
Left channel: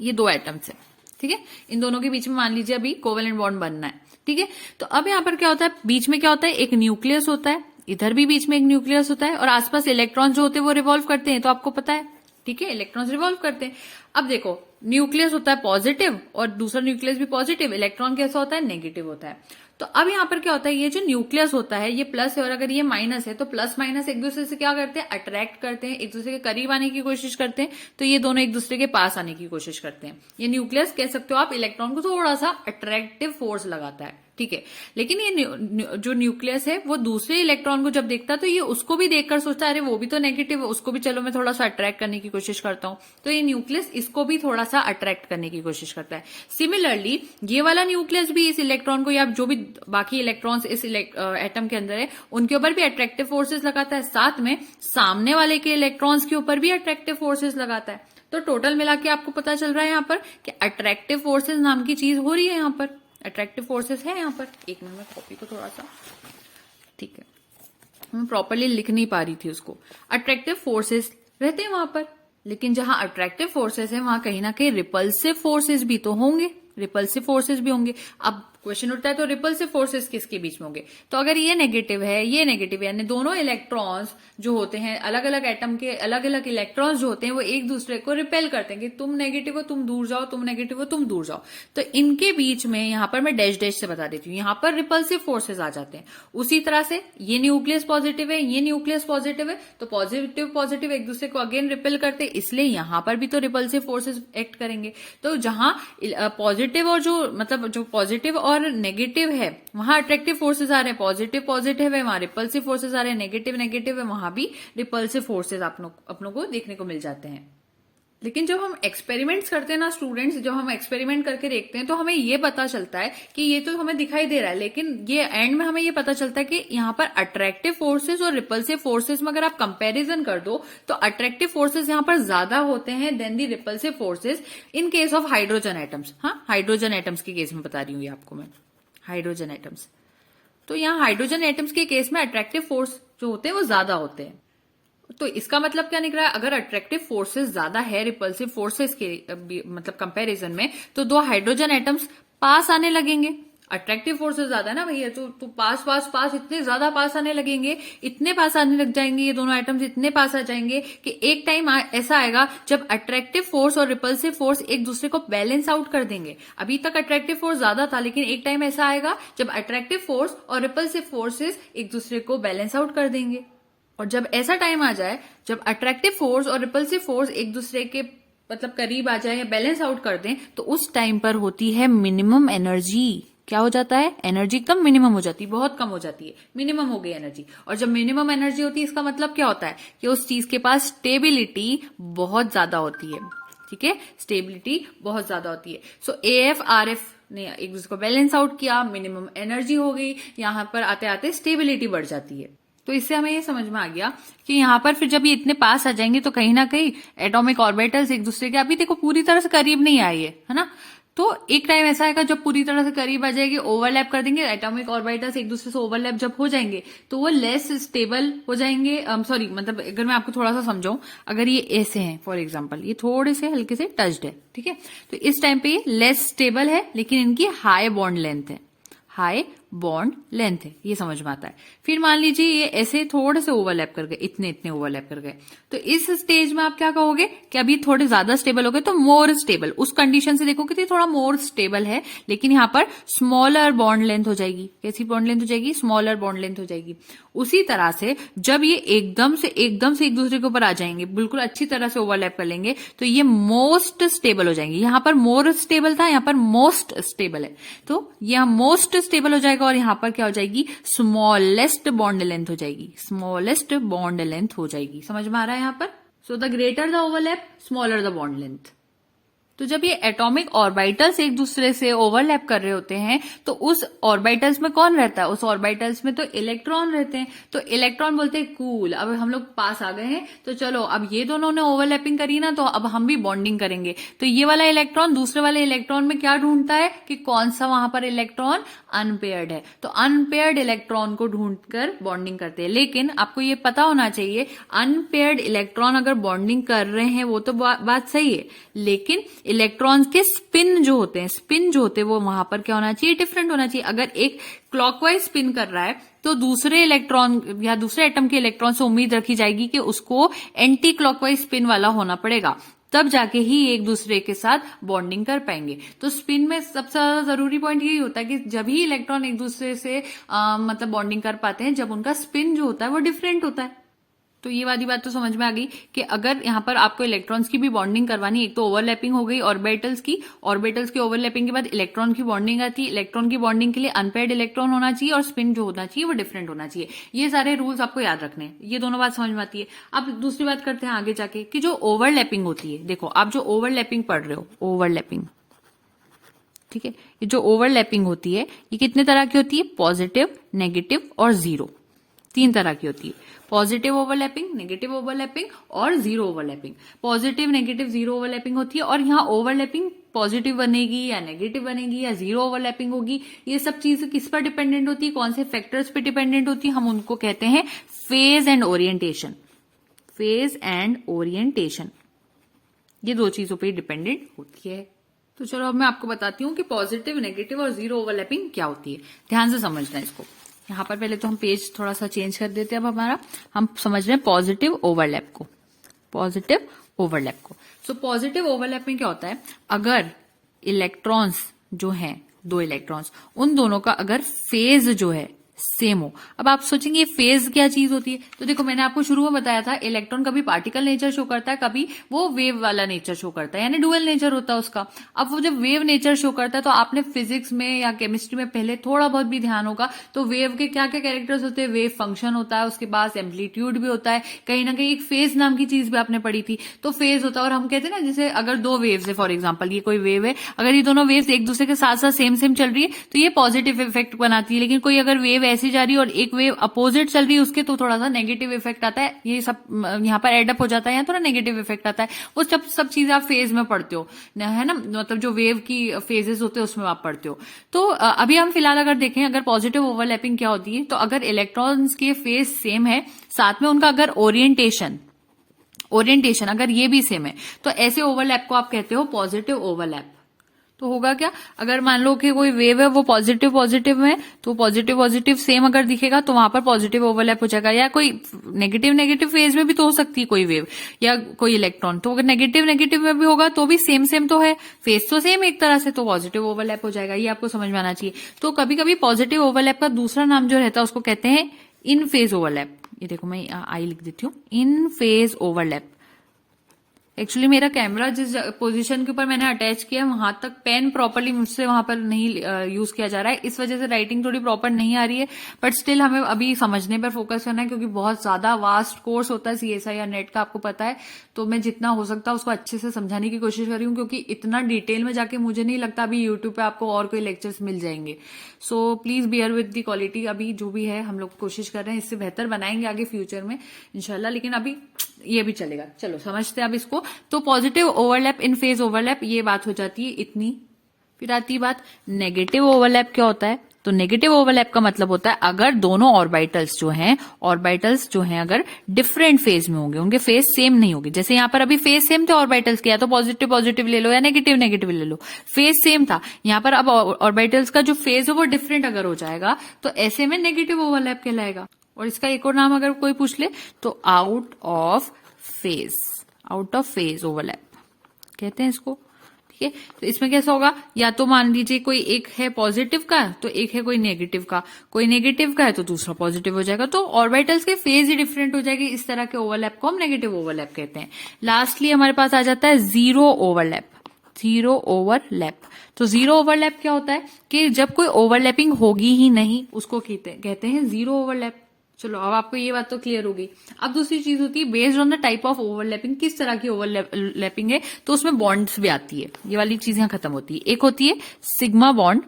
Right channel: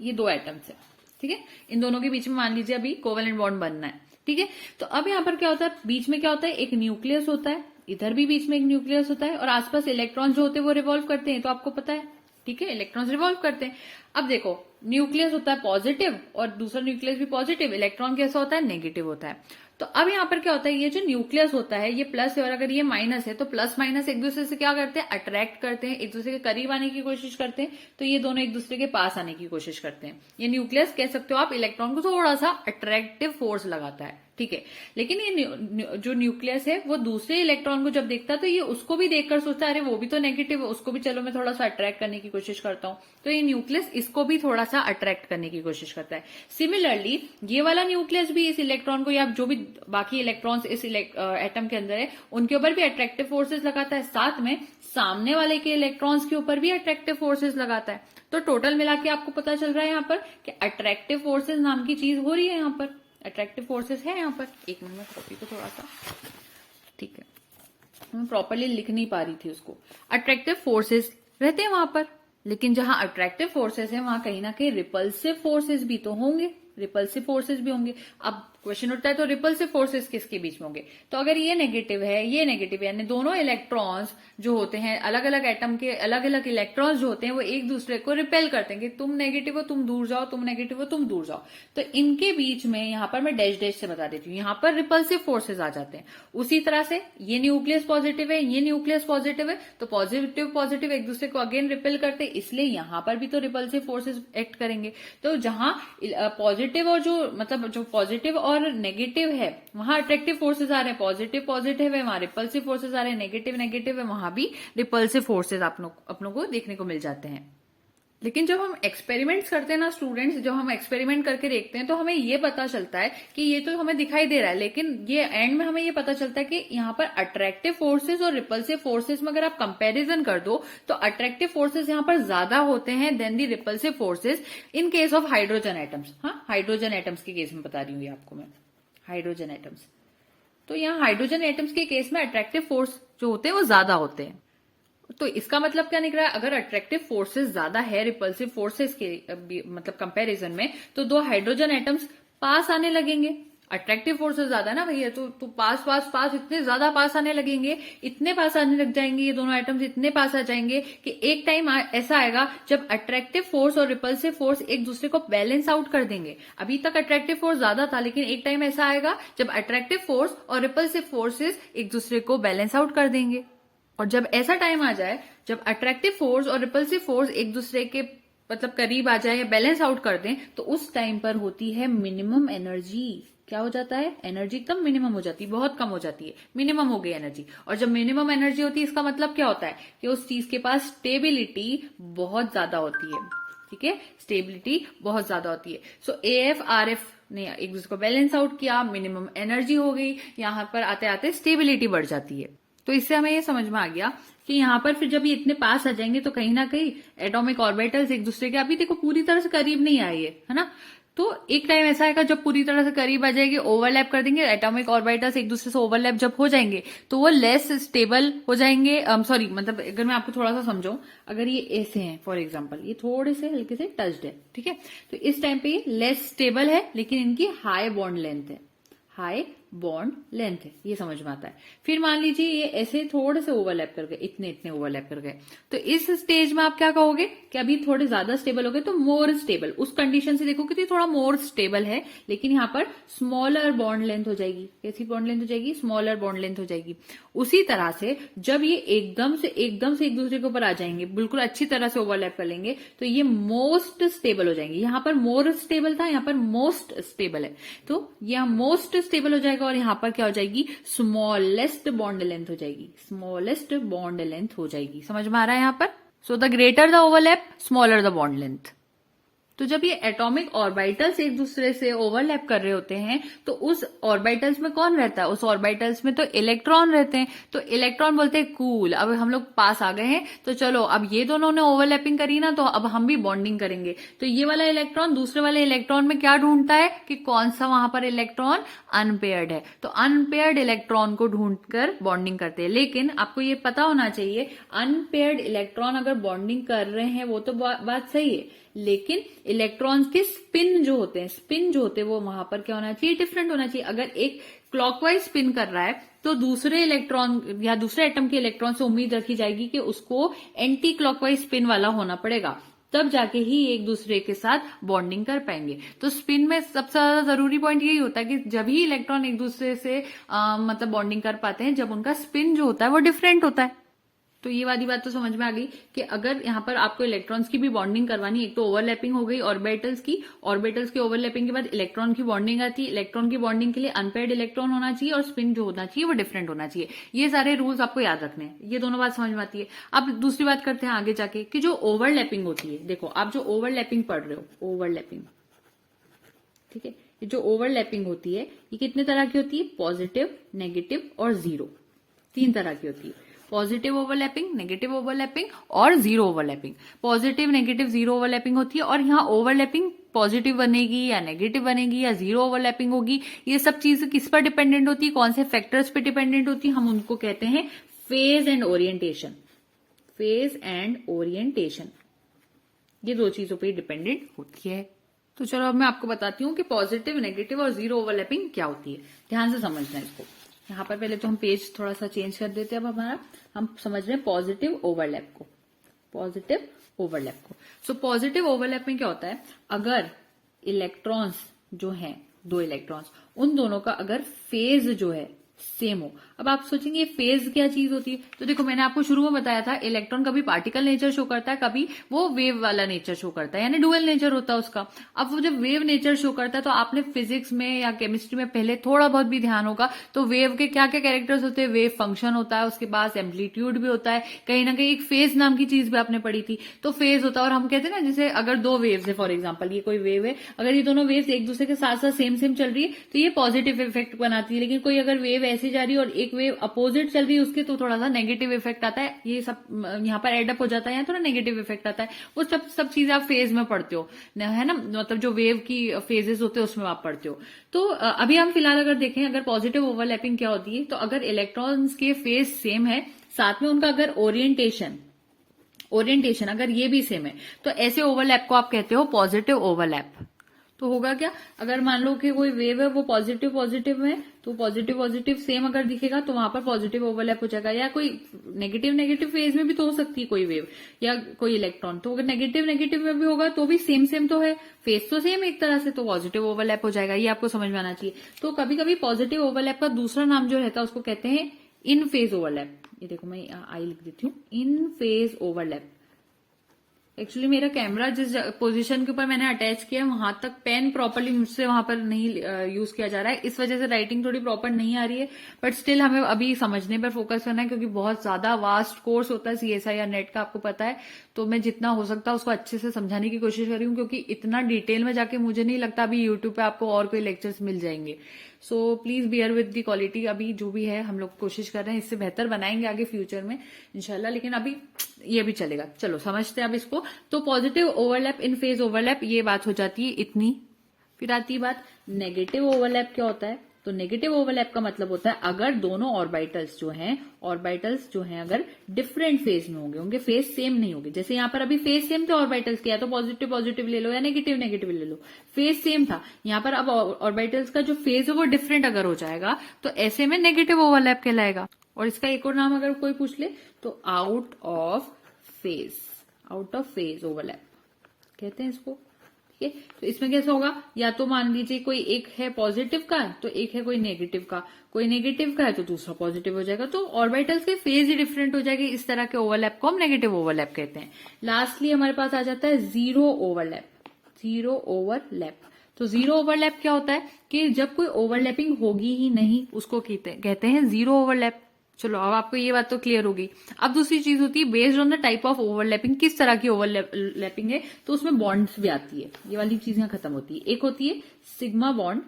ये दो एटम्स है, ठीक है, इन दोनों के बीच में मान लीजिए अभी कोवेलेंट बॉन्ड बनना है, ठीक है। तो अब यहाँ पर क्या होता है, बीच में क्या होता है, एक न्यूक्लियस होता है, इधर भी बीच में एक न्यूक्लियस होता है, और आसपास इलेक्ट्रॉन्स जो होते हैं वो रिवॉल्व करते हैं, तो आपको पता है, ठीक है, इलेक्ट्रॉन्स रिवॉल्व करते हैं। अब देखो न्यूक्लियस होता है पॉजिटिव और दूसरा न्यूक्लियस भी पॉजिटिव, इलेक्ट्रॉन कैसा होता है, नेगेटिव होता है। तो अब यहाँ पर क्या होता है, ये जो न्यूक्लियस होता है ये प्लस है, और अगर ये माइनस है तो प्लस माइनस एक दूसरे से क्या करते हैं, अट्रैक्ट करते हैं, एक दूसरे के करीब आने की कोशिश करते हैं, तो ये दोनों एक दूसरे के पास आने की कोशिश करते हैं। ये न्यूक्लियस कह सकते हो आप, इलेक्ट्रॉन को थोड़ा सा अट्रैक्टिव फोर्स लगाता है, ठीक है। लेकिन ये जो न्यूक्लियस है वो दूसरे इलेक्ट्रॉन को जब देखता है तो ये उसको भी देखकर सोचता है अरे वो भी तो नेगेटिव है, उसको भी चलो मैं थोड़ा सा अट्रैक्ट करने की कोशिश करता हूं, तो ये न्यूक्लियस इसको भी थोड़ा सा अट्रैक्ट करने की कोशिश करता है। सिमिलरली ये वाला न्यूक्लियस भी इस इलेक्ट्रॉन को, या जो भी बाकी इलेक्ट्रॉन्स इस एटम के अंदर है उनके ऊपर भी अट्रैक्टिव फोर्सेस लगाता है, साथ में सामने वाले के इलेक्ट्रॉन्स के ऊपर भी अट्रैक्टिव फोर्सेस लगाता है। तो टोटल मिला के आपको पता चल रहा है यहाँ पर कि अट्रैक्टिव फोर्सेस नाम की चीज हो रही है, यहाँ पर अट्रैक्टिव फोर्सेस है यहाँ पर। एक मिनट में कॉपी को थोड़ा सा, ठीक है, मैं प्रॉपरली लिख नहीं पा रही थी उसको। अट्रैक्टिव फोर्सेस रहते हैं वहां पर, लेकिन जहां अट्रैक्टिव फोर्सेस है वहां कहीं ना कहीं रिपल्सिव फोर्सेस भी तो होंगे, रिपल्सिव फोर्सेस भी होंगे। अब क्वेश्चन उठता है तो रिपल्सिव फोर्सेस किसके बीच में होंगे, तो अगर ये नेगेटिव है ये नेगेटिव है, यानी दोनों इलेक्ट्रॉन्स जो होते हैं, अलग अलग एटम के अलग अलग इलेक्ट्रॉन्स जो होते हैं वो एक दूसरे को रिपेल करते हैं कि तुम नेगेटिव हो तुम दूर जाओ, तुम नेगेटिव हो तुम दूर जाओ। तो इनके बीच में यहाँ पर मैं डैश डैश से बता देती हूँ, यहाँ पर रिपल्सिव फोर्सेज आ जाते हैं। उसी तरह से ये न्यूक्लियस पॉजिटिव है ये न्यूक्लियस पॉजिटिव है, तो पॉजिटिव पॉजिटिव एक दूसरे को अगेन रिपेल करते हैं, इसलिए यहाँ पर भी तो रिपल्सिव फोर्सेज एक्ट करेंगे। तो जहां पॉजिटिव और जो पॉजिटिव और नेगेटिव है वहां अट्रैक्टिव फोर्सेज आ रहे हैं, पॉजिटिव पॉजिटिव है वहां रिपल्सिव फोर्सेज आ रहे हैं, नेगेटिव नेगेटिव है वहां भी रिपल्सिव फोर्सेज अपनों को देखने को मिल जाते हैं। लेकिन जब हम एक्सपेरिमेंट्स करते हैं ना स्टूडेंट्स, जब हम एक्सपेरिमेंट करके देखते हैं तो हमें ये पता चलता है कि ये तो हमें दिखाई दे रहा है, लेकिन ये एंड में हमें ये पता चलता है कि यहाँ पर अट्रैक्टिव फोर्सेज और रिपल्सिव फोर्सेज में अगर आप कंपैरिजन कर दो तो अट्रैक्टिव फोर्सेज यहाँ पर ज्यादा होते हैं then the repulsive forces in case of hydrogen atoms. हाँ, हाइड्रोजन एटम्स के केस में बता रही हूँ ये आपको मैं, हाइड्रोजन एटम्स। तो यहाँ हाइड्रोजन एटम्स के केस में अट्रैक्टिव फोर्स जो होते हैं वो ज्यादा होते हैं। तो इसका मतलब क्या निकला है, अगर अट्रैक्टिव फोर्सेस ज्यादा है रिपल्सिव फोर्सेस के मतलब कंपैरिजन में, तो दो हाइड्रोजन एटम्स पास आने लगेंगे। अट्रैक्टिव फोर्सेस ज्यादा है ना भैया, तो पास पास पास इतने ज्यादा पास आने लगेंगे, इतने पास आने लग जाएंगे, ये दोनों एटम्स इतने पास आ जाएंगे कि एक टाइम ऐसा आएगा जब अट्रैक्टिव फोर्स और रिपल्सिव फोर्स एक दूसरे को बैलेंस आउट कर देंगे। अभी तक अट्रैक्टिव फोर्स ज्यादा था, लेकिन एक टाइम ऐसा आएगा जब अट्रैक्टिव फोर्स और रिपल्सिव फोर्सेस एक दूसरे को बैलेंस आउट कर देंगे। और जब ऐसा टाइम आ जाए जब अट्रैक्टिव फोर्स और रिपल्सिव फोर्स एक दूसरे के मतलब करीब आ जाए या बैलेंस आउट कर दें, तो उस टाइम पर होती है मिनिमम एनर्जी। क्या हो जाता है, एनर्जी एकदम मिनिमम हो जाती है, बहुत कम हो जाती है, मिनिमम हो गई एनर्जी। और जब मिनिमम एनर्जी होती है इसका मतलब क्या होता है कि उस चीज के पास स्टेबिलिटी बहुत ज्यादा होती है। ठीक है, स्टेबिलिटी बहुत ज्यादा होती है। सो AF RF ने एक दूसरे को बैलेंस आउट किया, मिनिमम एनर्जी हो गई, यहां पर आते आते स्टेबिलिटी बढ़ जाती है। तो इससे हमें ये समझ में आ गया कि यहाँ पर फिर जब ये इतने पास आ जाएंगे तो कहीं ना कहीं एटॉमिक ऑर्बिटल्स एक दूसरे के, अभी देखो पूरी तरह से करीब नहीं आए है ना, तो एक टाइम ऐसा आएगा जब पूरी तरह से करीब आ जाएगी, ओवरलैप कर देंगे, एटॉमिक ऑर्बिटल्स एक दूसरे से ओवरलैप जब हो जाएंगे तो वो लेस स्टेबल हो जाएंगे। सॉरी, मतलब अगर मैं आपको थोड़ा सा समझाऊं, अगर ये ऐसे हैं फॉर एग्जांपल, ये थोड़े से हल्के से टच्ड है, ठीक है, तो इस टाइम पे ये लेस स्टेबल है, लेकिन इनकी हाई बॉन्ड लेंथ है, हाई बॉन्ड लेंथ है, ये समझ में आता है। फिर मान लीजिए ये ऐसे थोड़े से ओवरलैप कर गए, इतने इतने ओवरलैप कर गए, तो इस स्टेज में आप क्या कहोगे कि अभी थोड़े ज्यादा स्टेबल हो गए, तो मोर स्टेबल, उस कंडीशन से देखो कि तो थोड़ा मोर स्टेबल है, लेकिन यहाँ पर स्मॉलर बॉन्ड लेंथ हो जाएगी। कैसी बॉन्ड लेंथ हो जाएगी, स्मॉलर बॉन्ड लेंथ हो जाएगी। उसी तरह से जब ये एकदम से एक दूसरे के ऊपर आ जाएंगे, बिल्कुल अच्छी तरह से ओवरलैप कर लेंगे, तो ये मोस्ट स्टेबल हो जाएंगे। यहाँ पर मोर स्टेबल था, यहाँ पर मोस्ट स्टेबल है, तो यहाँ मोस्ट स्टेबल हो जाएगा, और यहाँ पर क्या हो जाएगी, स्मॉलेस्ट बॉन्ड लेंथ हो जाएगी, स्मॉलेस्ट बॉन्ड लेंथ हो जाएगी। समझ में आ रहा है यहाँ पर? So the greater the overlap, smaller the bond length. तो जब ये एटॉमिक ऑर्बिटल्स एक दूसरे से ओवरलैप कर रहे होते हैं, तो उस ऑर्बिटल्स में कौन रहता है, उस ऑर्बिटल्स में तो इलेक्ट्रॉन रहते हैं, तो इलेक्ट्रॉन बोलते हैं कूल। अब हम लोग पास आ गए हैं, तो चलो अब ये दोनों ने ओवरलैपिंग करी ना, तो अब हम भी बॉन्डिंग करेंगे। तो ये वाला इलेक्ट्रॉन दूसरे वाले इलेक्ट्रॉन में क्या ढूंढता है कि कौन सा वहां पर इलेक्ट्रॉन अनपेयर्ड है, तो अनपेयर्ड इलेक्ट्रॉन को ढूंढकर बॉन्डिंग करते हैं। लेकिन आपको ये पता होना चाहिए, अनपेयर्ड इलेक्ट्रॉन अगर बॉन्डिंग कर रहे हैं वो तो बात सही है, लेकिन इलेक्ट्रॉन्स के स्पिन जो होते हैं वो वहां पर क्या होना चाहिए, डिफरेंट होना चाहिए। अगर एक क्लॉकवाइज स्पिन कर रहा है, तो दूसरे इलेक्ट्रॉन या दूसरे एटम के इलेक्ट्रॉन से उम्मीद रखी जाएगी कि उसको एंटी क्लॉकवाइज स्पिन वाला होना पड़ेगा, तब जाके ही एक दूसरे के साथ बॉन्डिंग कर पाएंगे। तो स्पिन में सबसे ज्यादा जरूरी पॉइंट यही होता है कि जब ही इलेक्ट्रॉन एक दूसरे से मतलब बॉन्डिंग कर पाते हैं, जब उनका स्पिन जो होता है वो डिफरेंट होता है। तो ये वाली बात तो समझ में आ गई कि अगर यहाँ पर आपको इलेक्ट्रॉन्स की भी बॉन्डिंग करवानी है, एक तो ओवरलैपिंग हो गई ऑर्बिटल्स की ओवरलैपिंग के बाद इलेक्ट्रॉन की बॉन्डिंग आती है। इलेक्ट्रॉन की बॉन्डिंग के लिए अनपेयर्ड इलेक्ट्रॉन होना चाहिए और स्पिन जो होना चाहिए वो डिफरेंट होना चाहिए। ये सारे रूल्स आपको याद रखने हैं, ये दोनों बात समझ में आती है। अब दूसरी बात करते हैं आगे जाके कि जो ओवरलैपिंग होती है, देखो आप जो ओवरलैपिंग पढ़ रहे हो, ओवरलैपिंग, ठीक है, ये जो ओवरलैपिंग होती है ये कितने तरह की होती है, पॉजिटिव, नेगेटिव और जीरो, 3 तरह की होती है। पॉजिटिव ओवरलैपिंग, नेगेटिव ओवरलैपिंग और zero overlapping. Positive, negative, zero overlapping होती है, और यहाँ ओवरलैपिंग पॉजिटिव बनेगी या नेगेटिव बनेगी या जीरो ओवरलैपिंग होगी, ये सब चीजें किस पर डिपेंडेंट होती है, कौन से फैक्टर्स पे डिपेंडेंट होती है, हम उनको कहते हैं phase and orientation. Phase and orientation, ये 2 चीजों पर डिपेंडेंट होती है। तो चलो अब मैं आपको बताती हूँ कि पॉजिटिव, नेगेटिव और जीरो ओवरलैपिंग क्या होती है। ध्यान से समझना है इसको। यहाँ पर पहले तो हम पेज थोड़ा सा चेंज कर देते हैं। अब हमारा हम समझ रहे हैं पॉजिटिव ओवरलैप को, पॉजिटिव ओवरलैप को। सो पॉजिटिव ओवरलैप में क्या होता है, अगर इलेक्ट्रॉन्स जो हैं, 2 इलेक्ट्रॉन्स, उन दोनों का अगर फेज जो है सेम हो। अब आप सोचेंगे ये फेज क्या चीज होती है, तो देखो मैंने आपको शुरू में बताया था, इलेक्ट्रॉन कभी पार्टिकल नेचर शो करता है, कभी वो वेव वाला नेचर शो करता है, यानी डुअल नेचर होता है उसका। अब वो जब वेव नेचर शो करता है, तो आपने फिजिक्स में या केमिस्ट्री में पहले थोड़ा बहुत भी ध्यान होगा, तो वेव के क्या क्या कैरेक्टर्स होते हैं, वेव फंक्शन होता है, उसके पास एम्पलीट्यूड भी होता है, कहीं ना कहीं एक फेज नाम की चीज भी आपने पढ़ी थी, तो फेज होता है। और हम कहते हैं ना, जैसे अगर 2 वेव्स है, फॉर एग्जाम्पल ये कोई वेव है, अगर ये दोनों वेव्स एक दूसरे के साथ साथ सेम सेम चल रही है, तो ये पॉजिटिव इफेक्ट बनाती है। लेकिन कोई अगर वेव ऐसी जा रही है और एक वेव अपोजिट चल रही है उसके, तो थोड़ा सा नेगेटिव इफेक्ट आता है। ये सब यहाँ पर एडअप हो जाता है, या थोड़ा नेगेटिव इफेक्ट आता है। वो सब चीजें आप फेज में पढ़ते हो, है ना, मतलब जो वेव की फेजेस होते हैं उसमें आप पढ़ते हो। तो अभी हम फिलहाल अगर देखें, अगर पॉजिटिव ओवरलैपिंग क्या होती है, तो अगर इलेक्ट्रॉन्स के फेज सेम है, साथ में उनका अगर ओरिएंटेशन अगर ये भी सेम है, तो ऐसे ओवरलैप को आप कहते हो पॉजिटिव ओवरलैप। तो होगा क्या, अगर मान लो कि कोई वेव है वो पॉजिटिव में, तो पॉजिटिव सेम अगर दिखेगा तो वहां पर पॉजिटिव ओवरलैप हो जाएगा। या कोई नेगेटिव फेज में भी तो हो सकती है कोई वेव या कोई इलेक्ट्रॉन, तो अगर नेगेटिव में भी होगा तो भी सेम तो है, फेज तो सेम एक तरह से, तो पॉजिटिव ओवरलैप हो जाएगा। ये आपको समझ में आना चाहिए। तो कभी कभी पॉजिटिव ओवरलैप का दूसरा नाम जो रहता है उसको कहते हैं इन फेज ओवरलैप। ये देखो मैं आई लिख देती हूँ, इन फेज ओवरलैप, एक्चुअली मेरा कैमरा जिस पोजीशन के ऊपर मैंने अटैच किया है वहां तक पेन प्रॉपरली मुझसे वहां पर नहीं यूज किया जा रहा है, इस वजह से राइटिंग थोड़ी प्रॉपर नहीं आ रही है। बट स्टिल हमें अभी समझने पर फोकस करना है, क्योंकि बहुत ज्यादा वास्ट कोर्स होता है CSI या नेट का, आपको पता है। तो मैं जितना हो सकता है उसको अच्छे से समझाने की कोशिश कर रही हूँ, क्योंकि इतना डिटेल में जाके मुझे नहीं लगता अभी यूट्यूब पे आपको और कोई लेक्चर्स मिल जाएंगे। So please bear with the quality. अभी जो भी है हम लोग कोशिश कर रहे हैं, इससे बेहतर बनाएंगे आगे फ्यूचर में इंशाल्लाह, लेकिन अभी ये भी चलेगा। चलो समझते हैं अब इसको। तो पॉजिटिव ओवरलैप इन फेज ओवरलैप, ये बात हो जाती है इतनी। फिर आती है बात नेगेटिव ओवरलैप क्या होता है। तो नेगेटिव ओवरलैप का मतलब होता है अगर दोनों ऑर्बिटल्स जो हैं अगर डिफरेंट फेज में होंगे, उनके फेज सेम नहीं होगी। जैसे यहाँ पर अभी फेज सेम थे ऑर्बिटल्स के, या तो पॉजिटिव पॉजिटिव ले लो या नेगेटिव नेगेटिव ले लो, फेज सेम था। यहाँ पर अब ऑर्बिटल्स का जो फेज है वो डिफरेंट अगर हो जाएगा तो ऐसे में नेगेटिव ओवरलैप कहलाएगा। और इसका एक और नाम अगर कोई पूछ ले तो आउट ऑफ फेज ओवरलैप कहते हैं इसको। ठीक है, तो इसमें कैसा होगा, या तो मान लीजिए कोई एक है पॉजिटिव का तो एक है कोई नेगेटिव का, कोई नेगेटिव का है तो दूसरा पॉजिटिव हो जाएगा, तो ऑर्बिटल्स के फेज ही डिफरेंट हो जाएगी। इस तरह के ओवरलैप को हम नेगेटिव ओवरलैप कहते हैं। लास्टली हमारे पास आ जाता है जीरो ओवरलैप। तो जीरो ओवरलैप क्या होता है कि जब कोई ओवरलैपिंग होगी ही नहीं, उसको कहते हैं जीरो ओवरलैप। चलो अब आपको ये बात तो क्लियर होगी। अब दूसरी चीज होती है based on the type of overlapping, किस तरह की ओवरलैपिंग है, तो उसमें बॉन्ड्स भी आती है। ये वाली चीज यहां खत्म होती है। एक होती है सिग्मा बॉन्ड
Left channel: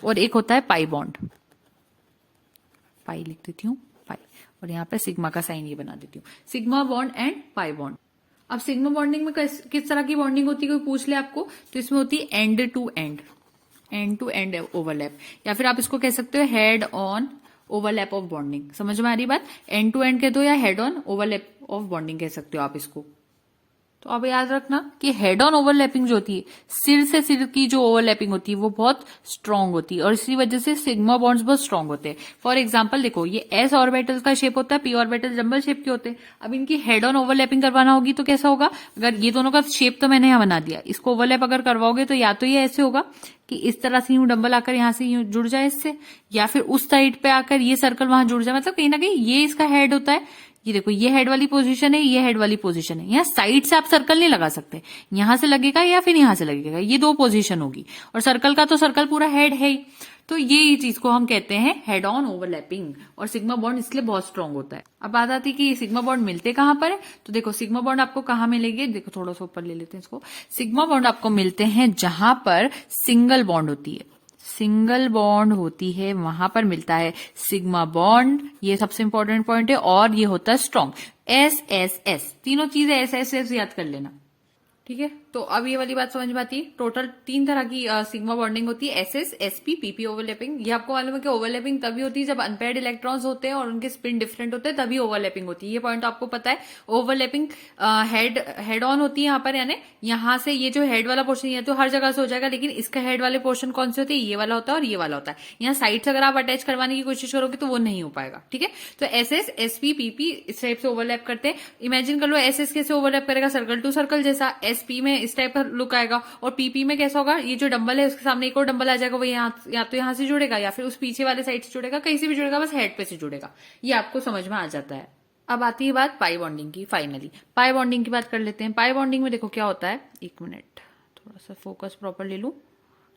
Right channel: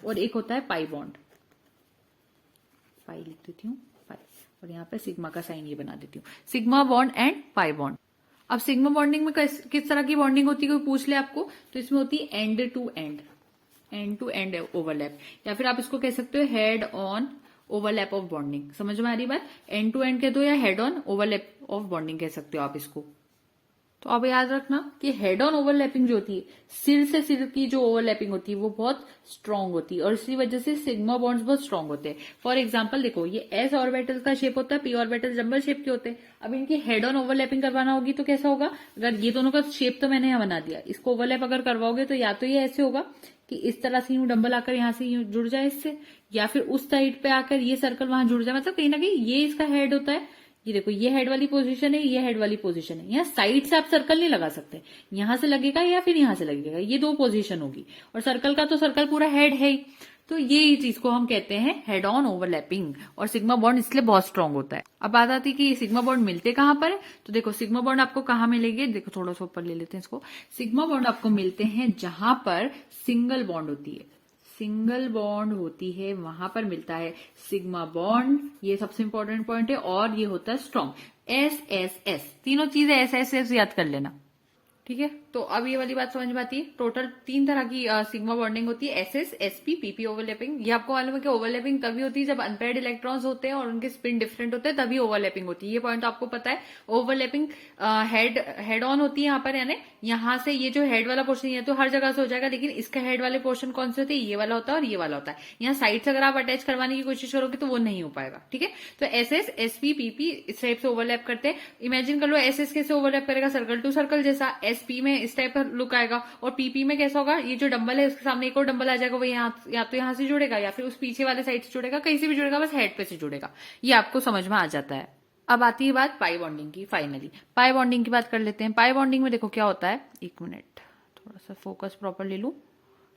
और एक होता है पाई बॉन्ड। पाई लिख देती हूँ, पाई, और यहाँ पे सिग्मा का साइन ये बना देती हूँ, sigma bond and pi bond. अब सिग्मा बॉन्डिंग में किस तरह की बॉन्डिंग होती है, कोई पूछ ले आपको, तो इसमें होती है एंड टू एंड ओवरलैप, या फिर आप इसको कह सकते हो head on overlap of bonding. समझ में आ रही बात, एंड टू एंड कह दो या head on overlap of bonding कह सकते हो आप इसको। तो अब याद रखना कि हेड ऑन ओवरलैपिंग जो होती है, सिर से सिर की जो ओवरलैपिंग होती है वो बहुत स्ट्रांग होती है, और इसी वजह से सिग्मा बॉन्ड्स बहुत स्ट्रांग होते हैं। फॉर एग्जांपल देखो, ये एस ऑर्बिटल का शेप होता है, पी ऑर्बिटल जंबल शेप के होते हैं। अब इनकी हेड ऑन ओवरलैपिंग करवाना होगी तो कैसा होगा, अगर ये दोनों का शेप तो मैंने यहाँ बना दिया, इसको ओवरलैप अगर करवाओगे तो या तो ये ऐसे होगा कि इस तरह से यूं डंबल आकर यहां से यूं जुड़ जाए इससे, या फिर उस साइड पे आकर ये सर्कल वहां जुड़ जाए। मतलब कहीं ना कहीं ये इसका हेड होता है, ये देखो ये हेड वाली पोजीशन है, ये हेड वाली पोजीशन है। यहाँ साइड से आप सर्कल नहीं लगा सकते, यहां से लगेगा या फिर यहां से लगेगा, ये दो पोजीशन होगी। और सर्कल का तो सर्कल पूरा हेड है ही, तो ये चीज को हम कहते हैं हेड ऑन ओवरलैपिंग। और सिग्मा बॉन्ड इसलिए बहुत स्ट्रांग होता है। अब बात आती है कि सिग्मा बॉन्ड मिलते कहां पर है, तो देखो सिग्मा बॉन्ड आपको कहां मिलेंगे, देखो थोड़ा सा ऊपर ले लेते हैं इसको। सिग्मा बॉन्ड आपको मिलते हैं जहां पर सिंगल बॉन्ड होती है, सिंगल बॉन्ड होती है वहां पर मिलता है सिग्मा बॉन्ड। ये सबसे इंपॉर्टेंट पॉइंट है, और ये होता है स्ट्रॉन्ग। एस एस एस, तीनों चीजें एस एस एस याद कर लेना। ठीक है, तो अब ये वाली बात समझ में आती है। टोटल 3 तरह की सिग्मा बॉन्डिंग होती है, एसएस, एसपी, पीपी ओवरलैपिंग। ये आपको मालूम है कि ओवरलैपिंग तभी होती है जब अनपेयर्ड इलेक्ट्रॉन्स होते हैं और उनके स्पिन डिफरेंट होते हैं, तभी ओवरलैपिंग होती है। ये पॉइंट आपको पता है। ओवरलैपिंग हेड ऑन होती है यहाँ पर, यानी यहाँ से ये जो हेड वाला पोर्शन है तो हर जगह से हो जाएगा, लेकिन इसका हेड वाले पोर्शन कौन से होते हैं, ये वाला होता है और ये वाला होता है। यहाँ साइड से अगर आप अटैच करवाने की कोशिश करोगे तो वो नहीं हो पाएगा। ठीक है, तो एसएस, एसपी, पीपी इस टाइप से ओवरलैप करते हैं। इमेजिन कर लो एसएस कैसे ओवरलैप करेगा, सर्कल टू सर्कल जैसा। एसपी में इस टाइप का लुक आएगा, और पीपी में कैसा होगा, ये जो डंबल है उसके सामने एक और डंबल आ जाएगा, वो या तो यहाँ से जुड़ेगा या फिर उस पीछे वाले साइड से जुड़ेगा, कहीं से भी जुड़ेगा, बस हेड पे से जुड़ेगा। ये आपको समझ में आ जाता है। अब आती है बात पाई बॉन्डिंग की। फाइनली पाई बॉन्डिंग की बात कर लेते हैं। पाई बॉन्डिंग में देखो क्या होता है, एक मिनट थोड़ा सा फोकस प्रॉपर ले लूं।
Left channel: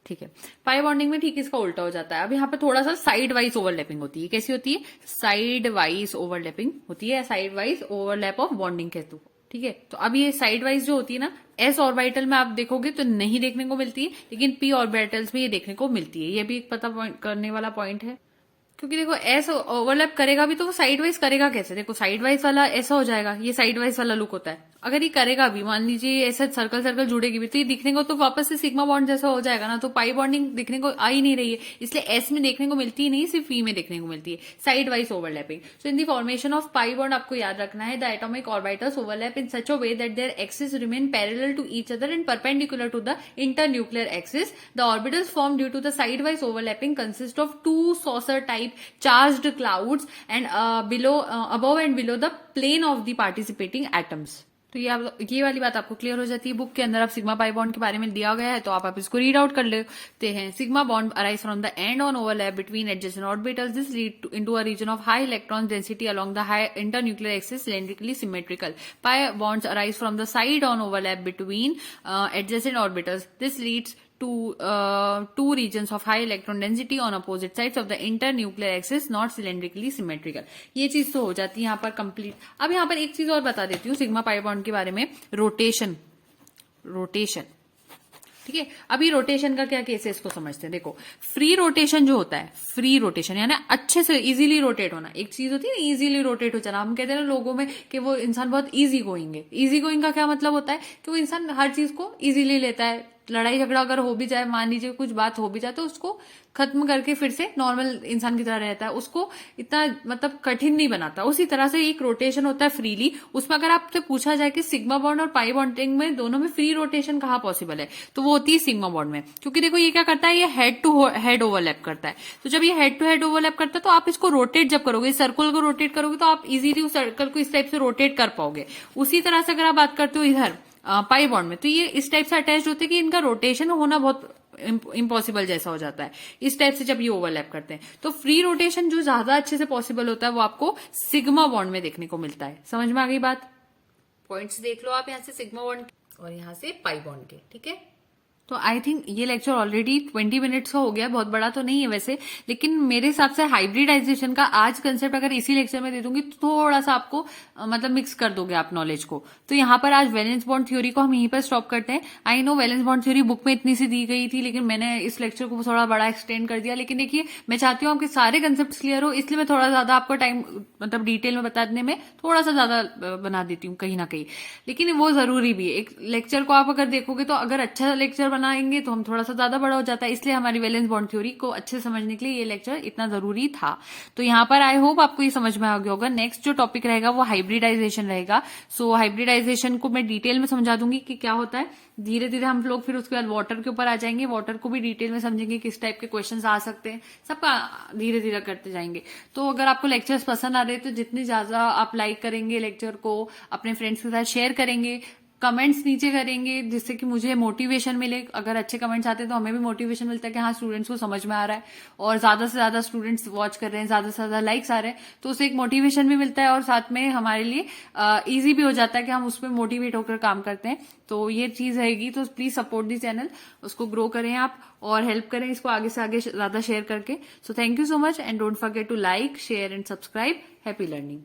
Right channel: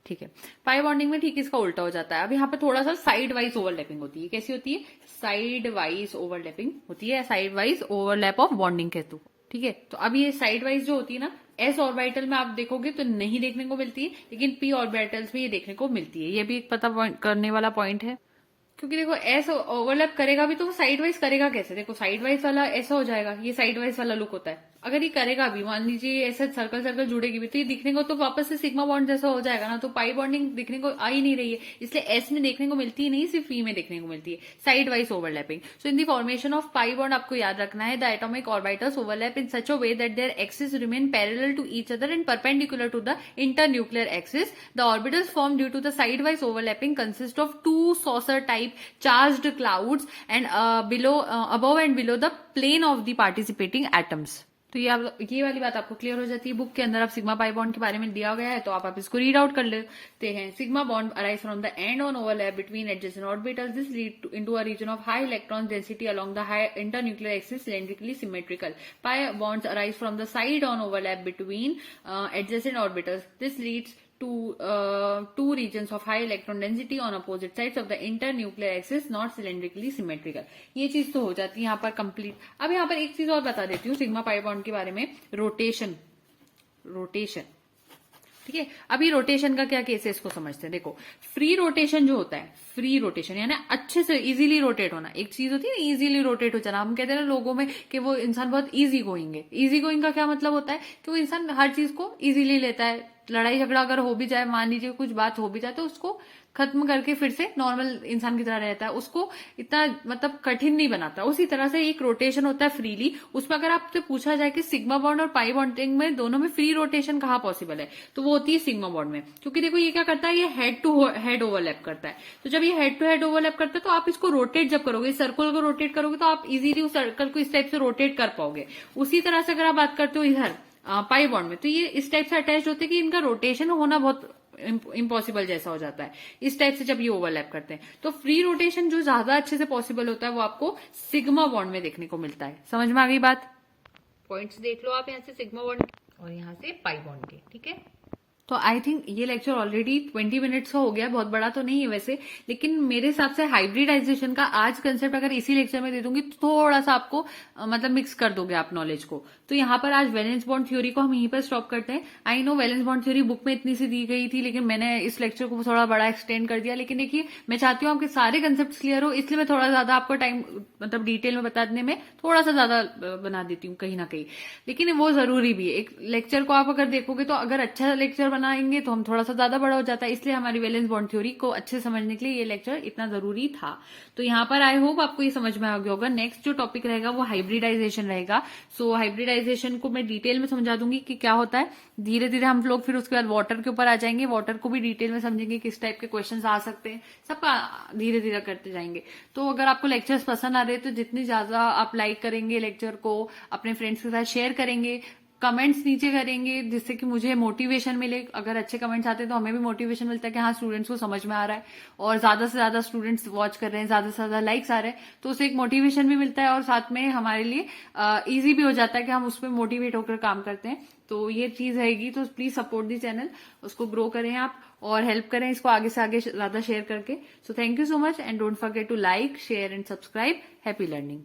ठीक है, पाई बॉन्डिंग में ठीक इसका उल्टा हो जाता है। अब यहाँ पे थोड़ा सा साइड वाइज ओवरलैपिंग होती है। कैसी होती है, साइड वाइज ओवरलैपिंग होती है, side wise overlap of bonding कहते हो। ठीक है, तो अब ये साइड वाइज जो होती है ना, एस ऑर्बिटल में आप देखोगे तो नहीं देखने को मिलती है, लेकिन पी ऑर्बिटल्स में ये देखने को मिलती है। ये भी एक पता करने वाला पॉइंट है, क्योंकि देखो एस ओवरलैप करेगा भी तो वो साइड वाइज करेगा कैसे। देखो साइड वाइज वाला ऐसा हो जाएगा, ये साइड वाइज वाला लुक होता है। अगर ये करेगा भी, मान लीजिए ऐसे सर्कल सर्कल जुड़ेगी भी, तो ये दिखने को तो वापस से सिग्मा बॉन्ड जैसा हो जाएगा ना, तो पाई बॉन्डिंग दिखने को आ ही नहीं रही है। इसलिए एस में देखने को मिलती ही नहीं, सिर्फ पी में देखने को मिलती है, side wise overlapping. So in the formation of pi bond आपको याद रखना है, the atomic orbitals overlap in such a way that their axis remain parallel to each other and perpendicular to the internuclear axis. The orbitals form due to the side wise overlapping consist of 2 saucer type charged clouds and above and below the plane of the participating atoms। तो ये वाली बात आपको क्लियर हो जाती है। बुक के अंदर आप सिग्मा पाई बॉन्ड के बारे में दिया गया है, तो आप इसको रीड आउट कर लेते हैं। Sigma bond arise from the end on overlap between adjacent orbitals, this lead into a region of high electron density along the high internuclear axis cylindrically symmetrical. Pi bonds arise from the side on overlap between adjacent orbitals. This leads to two regions of high electron density on opposite sides of the internuclear axis, not cylindrically symmetrical. ये चीज तो हो जाती है यहाँ पर कंप्लीट। अब यहाँ पर एक चीज और बता देती हूँ सिग्मा पाई बॉन्ड के बारे में, रोटेशन। ठीक है, अभी रोटेशन का क्या केस है इसको समझते हैं। देखो, फ्री रोटेशन जो होता है, फ्री रोटेशन यानी अच्छे से इजीली रोटेट होना। एक चीज होती है इजीली रोटेट हो जाना, हम कहते हैं ना लोगों में कि वो इंसान बहुत इजी गोइंग है। इजी गोइंग का क्या मतलब होता है कि वो इंसान हर चीज को इजीली लेता है। लड़ाई झगड़ा अगर हो भी जाए, मान लीजिए कुछ बात हो भी जाए, तो उसको खत्म करके फिर से नॉर्मल इंसान की तरह रहता है, उसको इतना मतलब कठिन नहीं बनाता। उसी तरह से एक रोटेशन होता है फ्रीली, उसमें अगर आपसे पूछा जाए कि सिग्मा बॉन्ड और पाई बॉन्डिंग में दोनों में फ्री रोटेशन कहाँ पॉसिबल है, तो वो होती है सिग्मा बॉन्ड में। क्योंकि देखो ये क्या करता है, ये हेड टू हेड ओवरलैप करता है। तो जब ये हेड टू हेड ओवरलैप करता है, तो आप इसको रोटेट जब करोगे, सर्कल को रोटेट करोगे, तो आप इजीली उस सर्कल को इस टाइप से रोटेट कर पाओगे। उसी तरह से अगर आप बात करते हो इधर पाई बॉन्ड में, तो ये इस टाइप से अटैच होते हैं कि इनका रोटेशन होना बहुत इम्पॉसिबल जैसा हो जाता है इस टाइप से जब ये ओवरलैप करते हैं। तो फ्री रोटेशन जो ज्यादा अच्छे से पॉसिबल होता है वो आपको सिग्मा बॉन्ड में देखने को मिलता है। समझ में आ गई बात? पॉइंट्स देख लो आप यहाँ से सिग्मा बॉन्ड और यहाँ से पाई बॉन्ड के। ठीक है, तो आई थिंक ये लेक्चर ऑलरेडी 20 मिनट्स का हो गया, बहुत बड़ा तो नहीं है वैसे, लेकिन मेरे हिसाब से हाइब्रिडाइजेशन का आज कंसेप्ट अगर इसी लेक्चर में दे दूंगी तो थोड़ा सा आपको मतलब मिक्स कर दोगे आप नॉलेज को। तो यहाँ पर आज वैलेंस बॉन्ड थ्योरी को हम यहीं पर स्टॉप करते हैं। I know valence bond theory book में इतनी सी दी गई थी, लेकिन मैंने इस लेक्चर को थोड़ा बड़ा एक्सटेंड कर दिया। लेकिन देखिए, मैं चाहती हूँ आपके सारे कंसेप्ट क्लियर हो, इसलिए मैं थोड़ा ज्यादा आपको टाइम मतलब डिटेल में बताने में थोड़ा सा ज्यादा बना देती हूँ कहीं ना कहीं, लेकिन वो जरूरी भी है। एक लेक्चर को आप अगर देखोगे तो अगर अच्छा लेक्चर बनाएंगे तो हम थोड़ा सा ज्यादा बड़ा हो जाता है, इसलिए हमारी वैलेंस बॉन्ड थ्योरी को अच्छे समझने के लिए ये लेक्चर इतना जरूरी था। तो यहाँ पर आई होप आपको ये समझ में आ गया होगा। नेक्स्ट जो टॉपिक रहेगा वो हाइब्रिडाइजेशन रहेगा। सो हाइब्रिडाइजेशन को मैं डिटेल में समझा दूंगी कि क्या होता है। धीरे धीरे हम लोग फिर उसके बाद वाटर के ऊपर आ जाएंगे, वाटर को भी डिटेल में समझेंगे, किस टाइप के क्वेश्चंस आ सकते हैं, सबका धीरे धीरे करते जाएंगे। तो अगर आपको लेक्चर्स पसंद आ रहे हैं तो जितनी ज्यादा आप लाइक करेंगे लेक्चर को, अपने फ्रेंड्स के साथ शेयर करेंगे, कमेंट्स नीचे करेंगे, जिससे कि मुझे मोटिवेशन मिले। अगर अच्छे कमेंट्स आते हैं तो हमें भी मोटिवेशन मिलता है कि हाँ स्टूडेंट्स को समझ में आ रहा है और ज्यादा से ज्यादा स्टूडेंट्स वॉच कर रहे हैं, ज्यादा से ज्यादा लाइक्स आ रहे हैं, तो उससे एक मोटिवेशन भी मिलता है और साथ में हमारे लिए इजी भी हो जाता है कि हम उसमें मोटिवेट होकर काम करते हैं। तो ये चीज रहेगी, तो प्लीज सपोर्ट दी चैनल, उसको ग्रो करें आप और हेल्प करें इसको आगे से आगे ज्यादा शेयर करके। So thank you so much and don't forget to like, share and subscribe. Happy learning.